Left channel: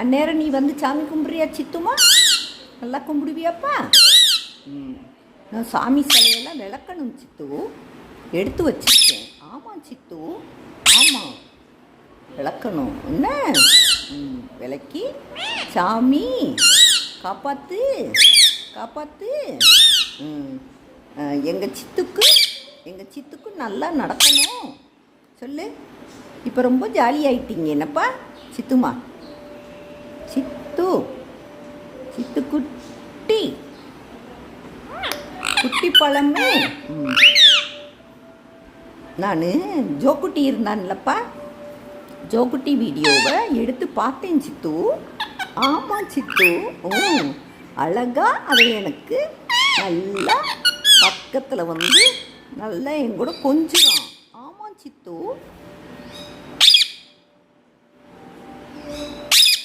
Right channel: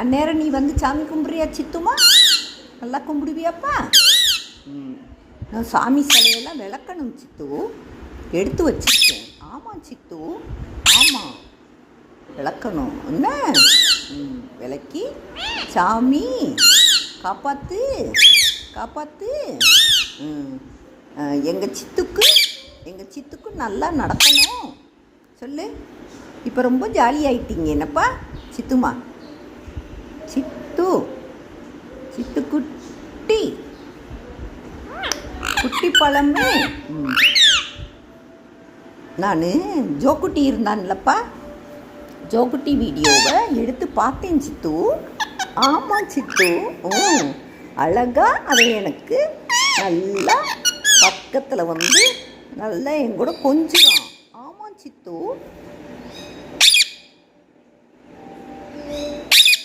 அந்நேரம் நீ வந்து சாமி கும்பிட்றியா சித்துமா? நல்லா கும்பிடுவியாப்பா? ம் நான் சாமி சிலையெல்லாம் விளக்கணும் சித்து. எடுத்து வச்சிருக்கேன். ஆமாம் சித்து. ஆமாம் விளக்கணும். என்ன? ம் விளக்கி. சாமி காப்பாத்து. காப்பாத்து. எங்கள் சித்துக்கு எங்கள் சித்துக்கு நல்லா நடக்கணும். சொல்லு. இப்போ ரொம்ப ஜாலியாயிட்டீங்க. என்னப்பா? சித்துமா? சித்து சித்து குட்டி. பழமே. நான் ஜோக்குட்டி இருந்தான்லப்பா. ஜோக்குட்டி வீடியோவை எடுத்து பார்த்தேன் சித்து. ஆமாம் சித்து. ஓ அழகா அதை எனக்கு நல்லா பக்கத்தில் வந்து நல்லா என் கூட கொஞ்சம் ஆமாம் சித்து.